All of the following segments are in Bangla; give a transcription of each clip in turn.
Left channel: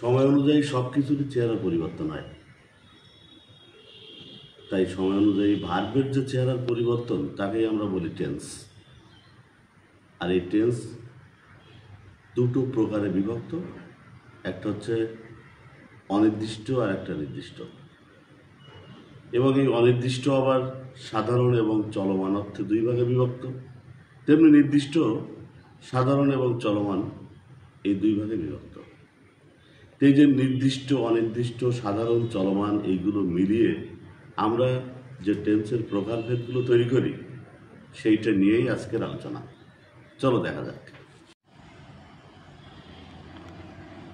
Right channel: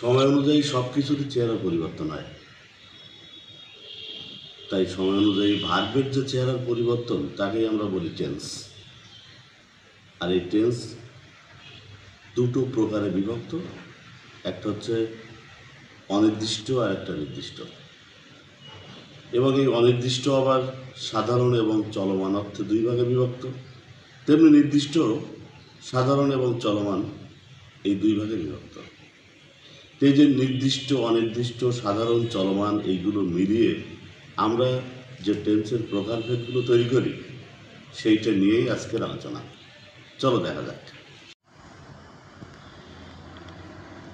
সময় অনুযায়ী সব কিছুরই চেহারা পরিবর্তন হয়। তাই সময় অনুযায়ী ভার্বের যে চেহারার পরিবর্তন তাকেই আমরা বলি টেন্স। আর এই টেন্স দুটো প্রকারে বিভক্ত, একটা হচ্ছে অনির্দিষ্ট আর একটা নির্দিষ্ট। এবং এই অনির্দিষ্ট আবার সাধারণ এবং চলমান অর্থে দুই ভাগে বিভক্ত, তেমনি নির্দিষ্ট সাধারণ এবং চলমান এই দুই ভাগে বিভক্ত। এই যে নির্দিষ্ট অনির্দিষ্ট সাধারণ চলমান এইগুলো মিলিয়ে আমরা যে টেন্সের প্রকারভেদগুলো তৈরি করি সেইটা নিয়েই আজকের আলোচনা। চলো দেখা যাক।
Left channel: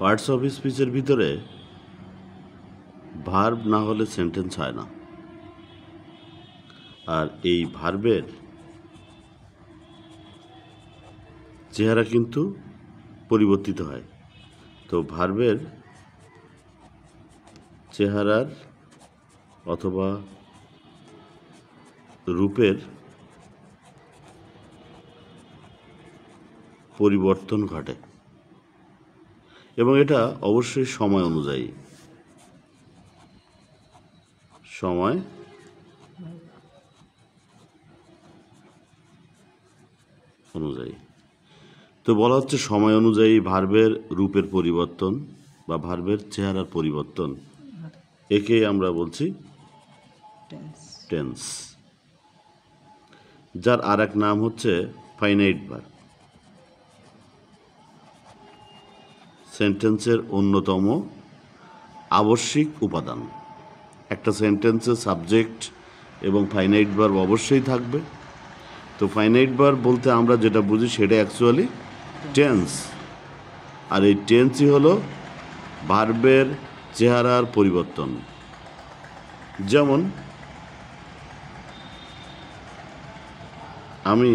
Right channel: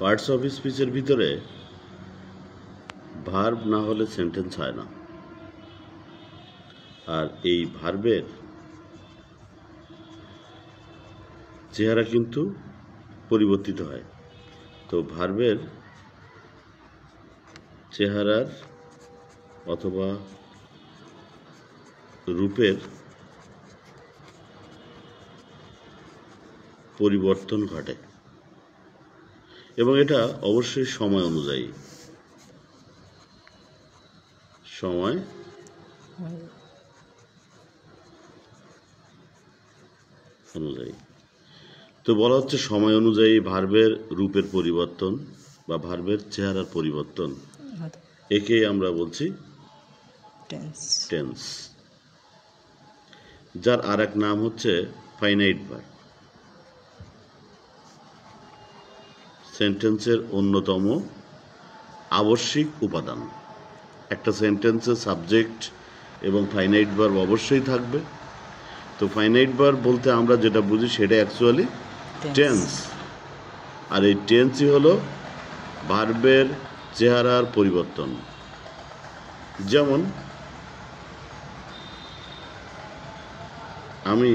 পার্টস অফ স্পিচের ভিতরে ভার্ব না হলে সেন্টেন্স হয় না, আর এই ভার্বের চেহারা কিন্তু পরিবর্তিত হয়। তো ভার্বের চেহারার অথবা রূপের পরিবর্তন ঘটে এবং এটা অবশ্যই সময় অনুযায়ী। সময় অনুযায়ী তো বলা হচ্ছে সময় অনুযায়ী ভার্বের রূপের পরিবর্তন বা ভার্বের চেহারার পরিবর্তন, একেই আমরা বলছি টেন্স, যার আর এক নাম হচ্ছে ফাইনাইট ভার্ব। সেন্টেন্সের অন্যতম আবশ্যিক উপাদান। একটা সেন্টেন্সের সাবজেক্ট এবং ফাইনাইট ভার্ব অবশ্যই থাকবে। তো ফাইনাইট ভার্ব বলতে আমরা যেটা বুঝি সেটা অ্যাকচুয়ালি টেন্স, আর এই টেন্সই হলো ভার্বের চেহারার পরিবর্তন। যেমন আমি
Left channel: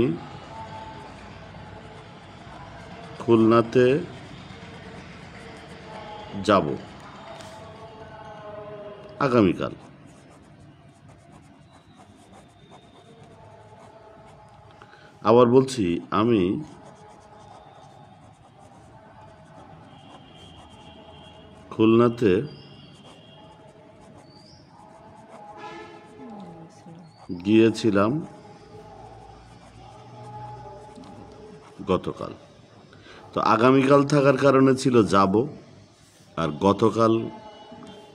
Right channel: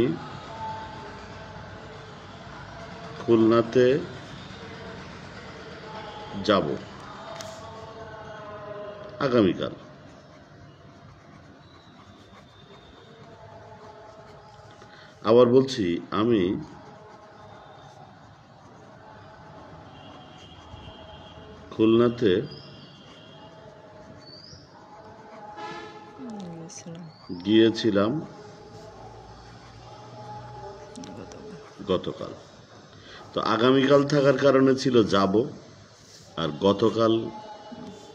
খুলনাতে যাব আগামীকাল। আবার বলছি আমি খুলনাতে গিয়েছিলাম গতকাল। তো আগামীকাল থাকার কারণে ছিল যাব, আর গতকাল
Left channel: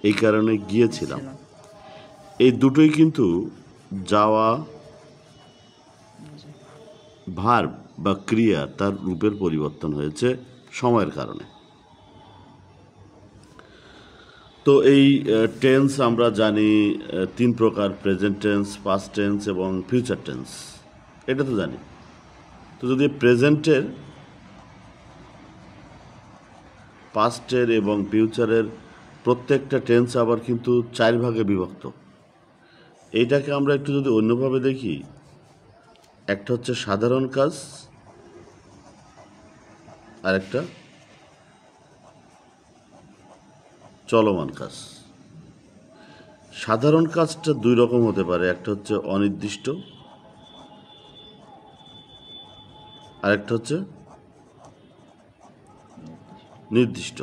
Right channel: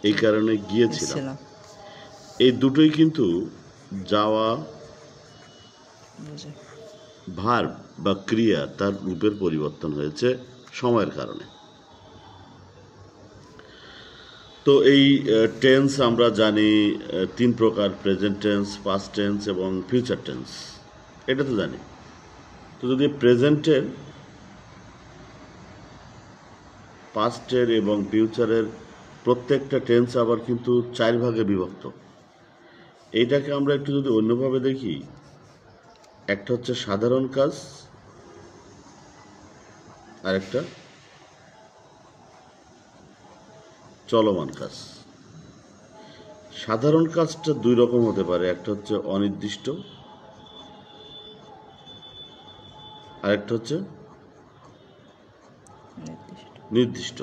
এই কারণে গিয়েছিলাম। এই দুটোই কিন্তু যাওয়া ভার্ব বা ক্রিয়া তার রূপের পরিবর্তন হয়েছে সময়ের কারণে। তো এই টেন্স আমরা জানি তিন প্রকার: প্রেজেন্ট টেন্স, পাস্ট টেন্স এবং ফিউচার টেন্স। এটা তো জানি। তো যদি প্রেজেন্টের, পাস্টের এবং ফিউচারের প্রত্যেকটা টেন্স আবার কিন্তু চার ভাগে বিভক্ত। এইটাকে আমরা একটু যদি অন্যভাবে দেখি, একটা হচ্ছে সাধারণ কাজ, আর একটা চলমান কাজ। সাধারণ কাজটা দুই রকম হতে পারে, একটা হচ্ছে অনির্দিষ্ট, আর একটা হচ্ছে নির্দিষ্ট।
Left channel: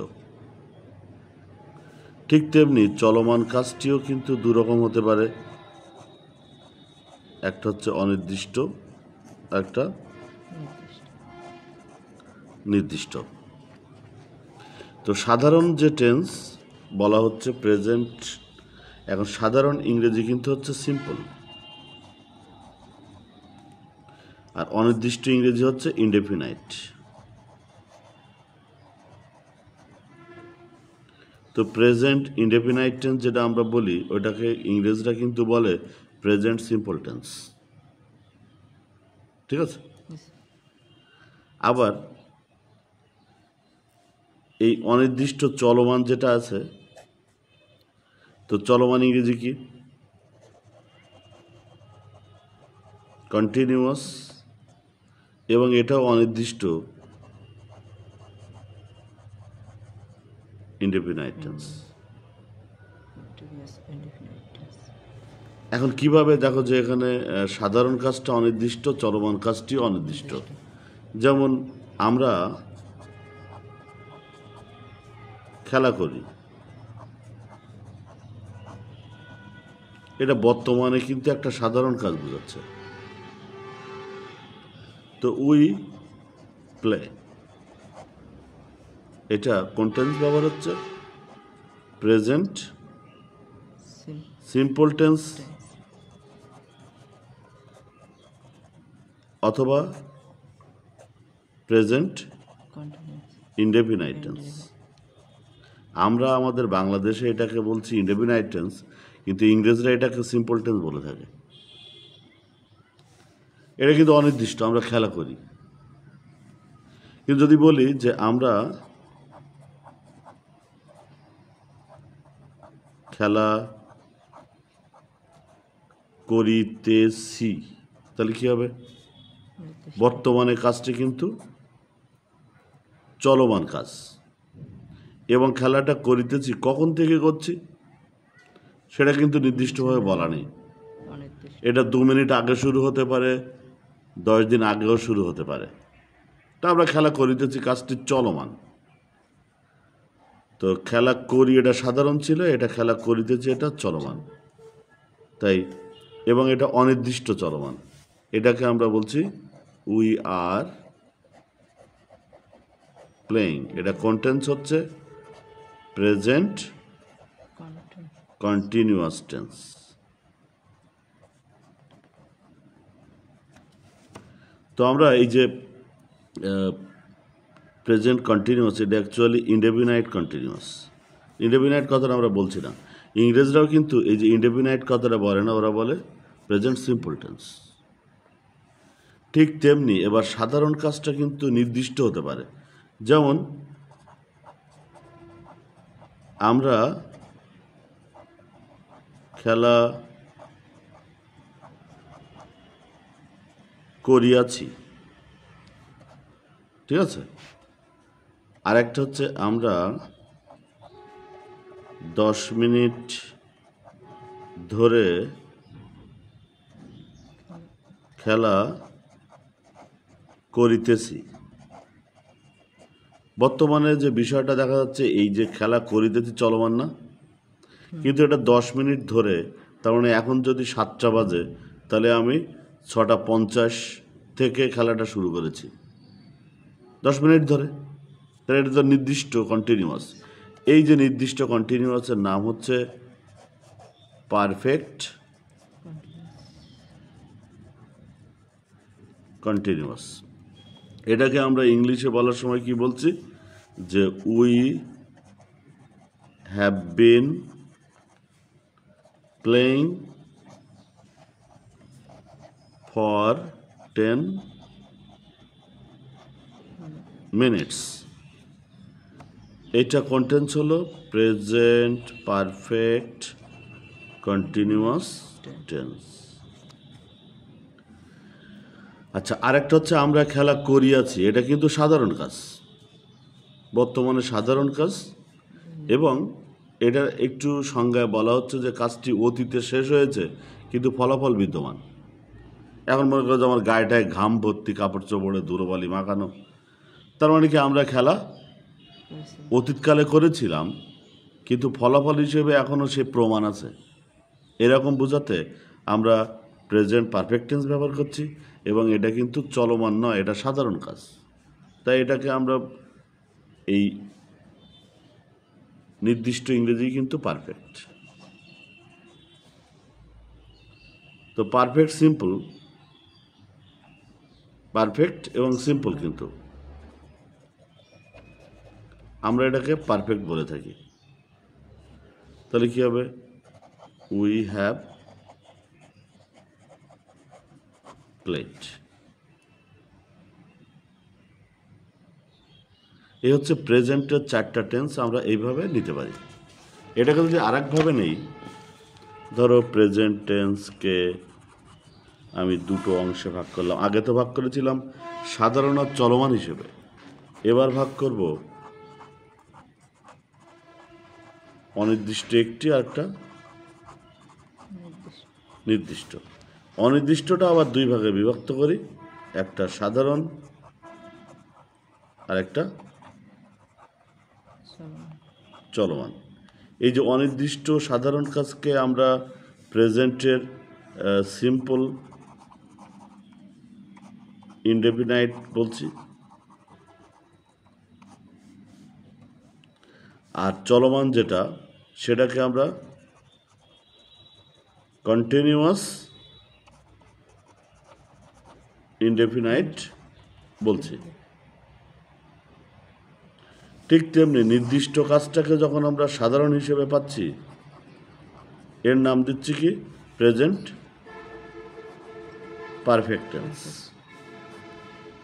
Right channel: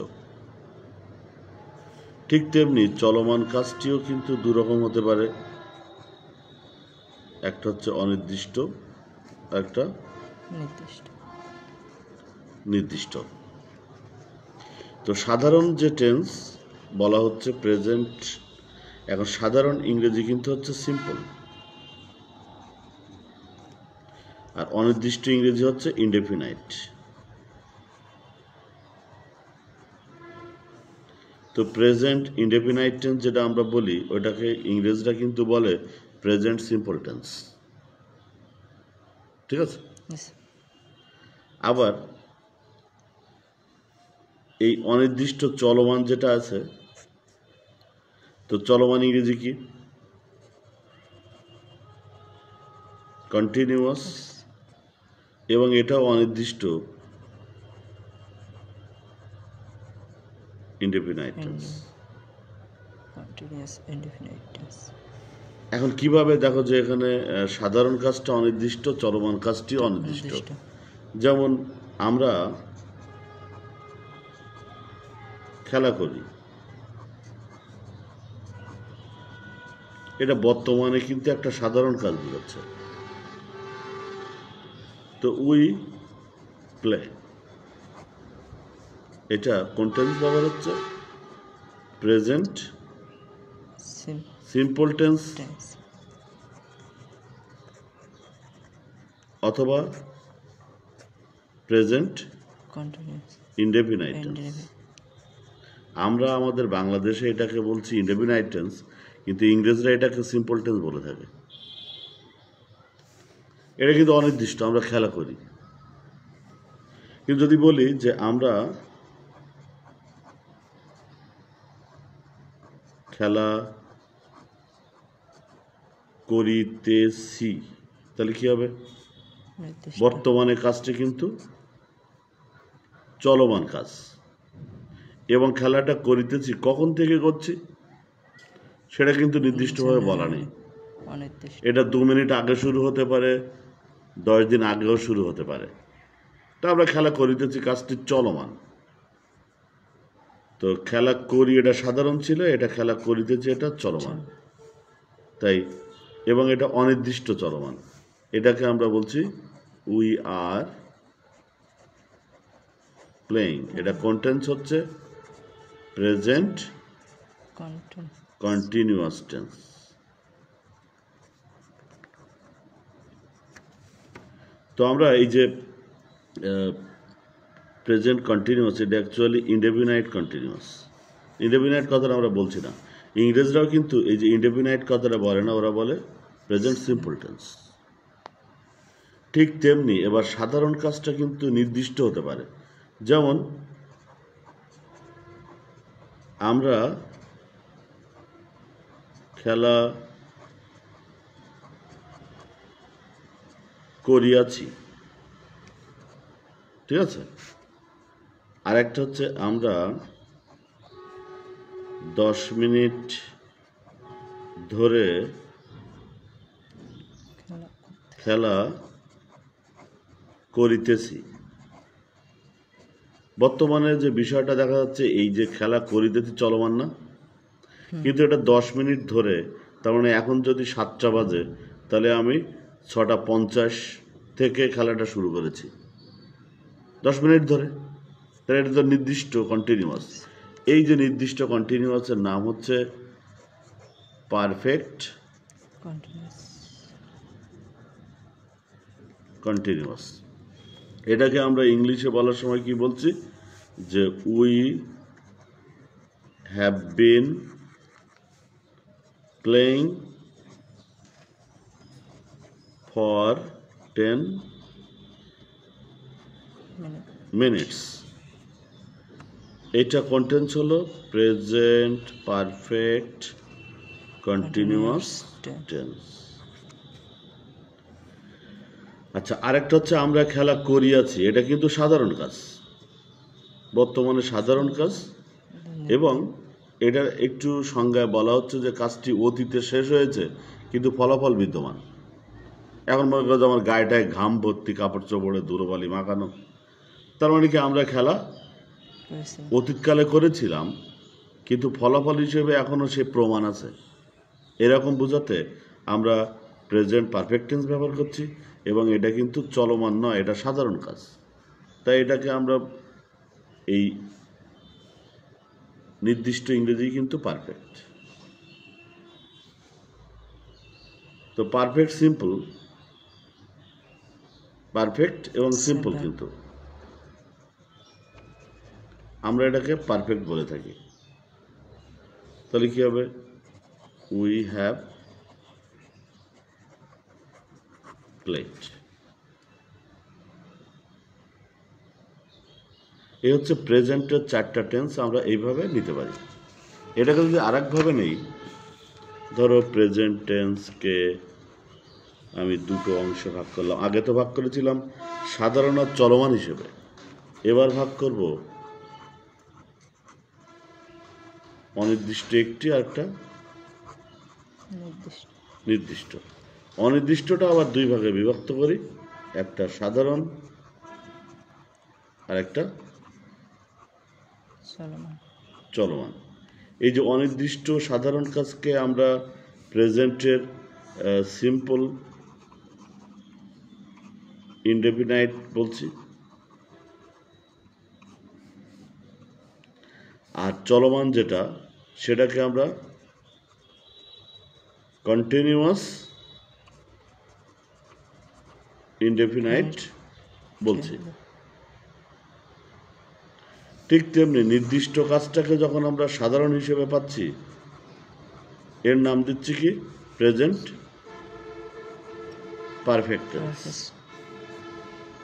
ঠিক তেমনি চলমান কাজটিও কিন্তু দুই রকম হতে পারে, একটা হচ্ছে অনির্দিষ্ট, আর একটা নির্দিষ্ট। তো সাধারণ যে টেন্স বলা হচ্ছে প্রেজেন্ট, এখন সাধারণ ইংরেজি কিন্তু হচ্ছে সিম্পল, আর অনির্দিষ্ট ইংরেজি হচ্ছে ইনডেফিনাইট। তো প্রেজেন্ট ইনডেফিনাইট টেন্স যেটা আমরা বলি ওটাকে ইংরেজরা কিন্তু বলে প্রেজেন্ট সিম্পল টেন্স। ঠিক আছে? আবার এই অনির্দিষ্ট চলমান যেটা আছে, তো চলমান ইংরেজি কি? কন্টিনিউয়াস, এবং এটাও অনির্দিষ্ট ইনডেফিনাইট টেন্স। এখন কিভাবে দেখো যে এখানে সাধারণ কাজটা অনির্দিষ্ট, চলমান কাজটি অনির্দিষ্ট। যেমন আমরা খেলা করি, এটা বর্তমানে কিন্তু একটা সাধারণ কাজ বোঝাচ্ছে। তো উই প্লে, এটা কোন টেন্স ব্যবহার হচ্ছে? প্রেজেন্ট সিম্পল টেন্স অথবা প্রেজেন্ট ইনডেফিনাইট টেন্স। আমরা আমাদের বাংলাদেশে এটাকে বলছি ইনডেফিনাইট টেন্স, কিন্তু ইংরেজরা এটাকে সিম্পল টেন্স বলে থাকে। এটা কিন্তু অনির্দিষ্ট, আমরা খেলা করি। কিন্তু যদি বলি যে আমরা খেলা করিতেছি, তাহলে কি হবে? বর্তমানে কাজটি কিন্তু চলমান কাজ, এবং খেলাটা করিতেছি কখন থেকে করছি সেটা কিন্তু নির্দিষ্টভাবে বলা নেই। এটা 2 মিনিট আগে শুরু হতে পারে, 10 দিন আগেও শুরু হতে পারে। তা আমরা খেলা করিতেছি, কাজটি চলমান। তো খেলা করি এটা সাধারণ ছিল, এটা খেলা করিতেছি এটা চলমান, তাই এবং এটা অনির্দিষ্ট চলমান। এটাকে আমরা বলছি উই আর প্লেইং। এটা কন্টেন্স হচ্ছে প্রেজেন্ট কন্টিনিউয়াস টেন্স। তো আমরা এই যে প্রেজেন্ট কন্টিনিউয়াস, এটা অ্যাকচুয়ালি ইনডেফিনাইট কন্টিনিউয়াস। ইনডেফিনাইট কথাটা আমরা বলছি না। ইংরেজরাও কিন্তু এই যে ইনডেফিনাইট কথাটা বলে না, ওরা বলে প্রেজেন্ট সিম্পল টেন্স। ঠিক তেমনি এবার সাধারণ কাজটা কিন্তু নির্দিষ্ট হতে পারে। যেমন আমরা খেলা করিয়াছি, ঠিক আছে। আরেকটা হচ্ছে আমরা 10 মিনিট ধরে খেলা করিতেছি। বর্তমানে যে বিষয়টা দেখা যাচ্ছে, এই যে খেলা করিতেছি চলমান না, কিন্তু এটা 10 মিনিট ধরে, তার মানে এখন যদি 7টা বাজে, তাহলে আমি 6:50 থেকে খেলাটা শুরু করেছি 10 মিনিট ধরে। তাহলে এটা তো নির্দিষ্ট কন্টিনিউয়াস। এই যে নির্দিষ্ট কন্টিনিউয়াসের নাম হচ্ছে পারফেক্ট কন্টিনিউয়াস। এটাকে আমরা ইংলিশে বলার সময় কি বলছি? যে we have been playing for 10 minutes. এটা কন্টেন্স হলো প্রেজেন্ট পারফেক্ট কন্টিনিউয়াস টেন্স। আচ্ছা, আরেকটা হচ্ছে আমরা খেলা করিয়াছি। এটা কিন্তু সাধারণ কাজ, বর্তমানে সাধারণ কাজ, এবং এটা একটু সংজ্ঞায় বলা হচ্ছে যে কাজটি অতীতে শেষ হয়েছে কিন্তু ফলাফল বিদ্যমান। এখন মনে করো যে আমার গায়েটায় ঘাম ভর্তি, কাপড় চোপড়ে ধুলোবালি মাখানো, তার মানে কি আমরা খেলা অতীতকালে করেছিলাম, কিন্তু ফলাফল হিসেবে এখনও সে প্রমাণ আছে। এরকম বোঝাতে আমরা প্রেজেন্ট পারফেক্ট টেন্স ব্যবহার করছি, এবং এটা কিন্তু চলমান নয়, এটা সাধারণ কাজ। তাই এটাকে আমরা এই নির্দিষ্ট ইংরেজি কিন্তু পারফেক্ট। তো পারফেক্ট সিম্পল, পারফেক্ট এবং সিম্পল, কিন্তু আমরা এটাকে পারফেক্ট বলে থাকি। তাহলে কি হবে? We have played. এই হচ্ছে প্রেজেন্টের 4টা টেন্স। আমরা এইভাবে নিতে পারি। এটাকে যদি আর একভাবে নেই, ধরো প্রেজেন্ট টেন্সকে আমি 2টো অংশে ভাগ করলাম। আগে তো ভাগ করেছিলাম সাধারণ আর চলমান হিসেবে, এবার ভাগ করব অনির্দিষ্ট একটি আর একটা নির্দিষ্ট। অনির্দিষ্টটা আবার 2 ভাগে বিভক্ত করি, একটা সাধারণ আর একটা চলমান। এই যে অনির্দিষ্ট সাধারণ কাজকে আমরা প্রেজেন্টের সিম্পল ইনডেফিনাইট বলছি, আর চলমান যেটা সেটাকে আমরা কন্টিনিউয়াস ইনডেফিনাইট বলছি। ঠিক তেমনি নির্দিষ্ট কাজটাকে যখন আমরা সাধারণ হিসেবে পাচ্ছি, এর নাম দিচ্ছি কি? Present perfect tense.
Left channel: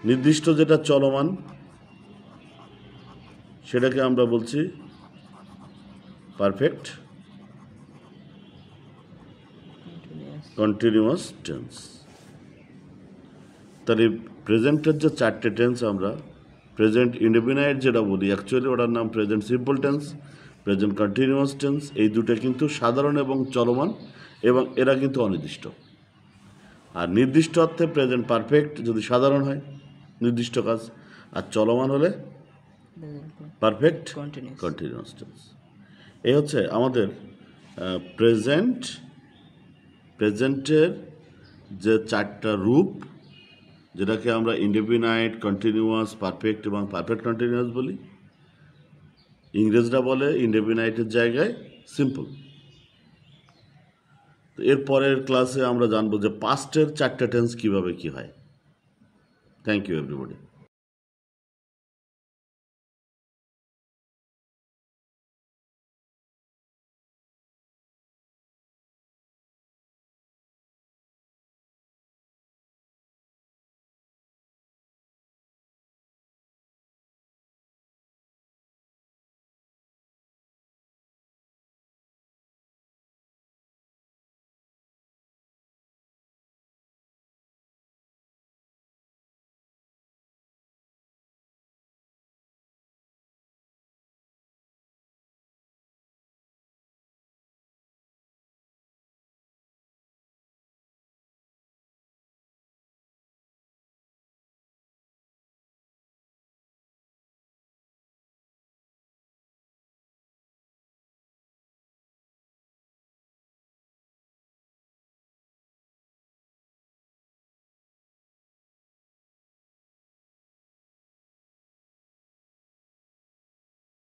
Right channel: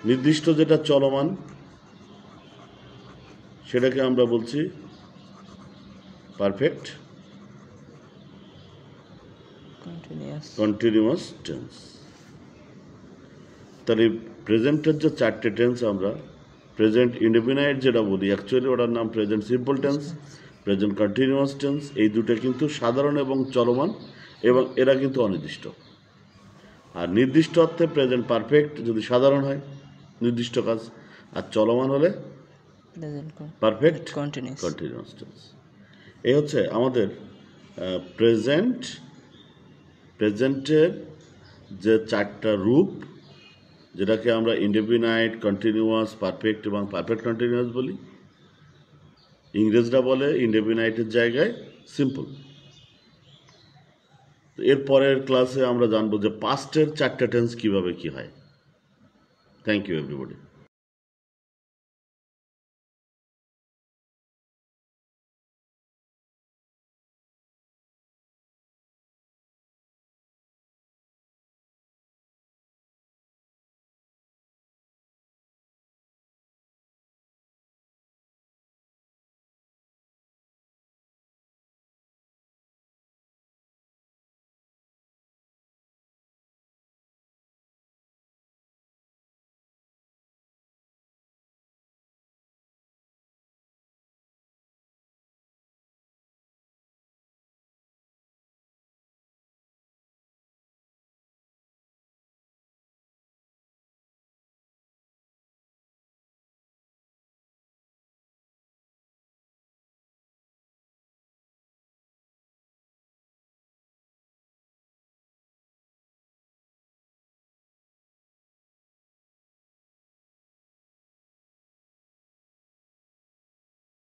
নির্দিষ্ট যেটা চলমান সেটাকে আমরা বলছি পারফেক্ট কন্টিনিউয়াস টেন্স। তাহলে প্রেজেন্টের যে চারটে টেন্স আমরা প্রেজেন্ট ইনডেফিনাইট যেটা বলি, অ্যাকচুয়ালি ওটার নাম present simple tense, present continuous tense. এই দুটো কিন্তু সাধারণ এবং চলমান, এবং এরা কিন্তু অনির্দিষ্ট। আর নির্দিষ্ট অর্থে প্রেজেন্ট পারফেক্ট যদি সাধারণ হয় নির্দিষ্ট কাজ, আর চলমান হলে পারফেক্ট কন্টিনিউয়াস টেন্স। এই হচ্ছে আমাদের প্রেজেন্টের যে চারটা রূপ, যেটাকে আমরা ইনডেফিনাইট, কন্টিনিউয়াস, পারফেক্ট এবং পারফেক্ট কন্টিনিউয়াস বলি। ইংরেজরা বলে ইনডেফিনাইটের জায়গায় সিম্পল। তো এর পরের ক্লাসে আমরা জানবো যে পাস্টের চারটে টেন্স কিভাবে কি হয়। Thank you everybody.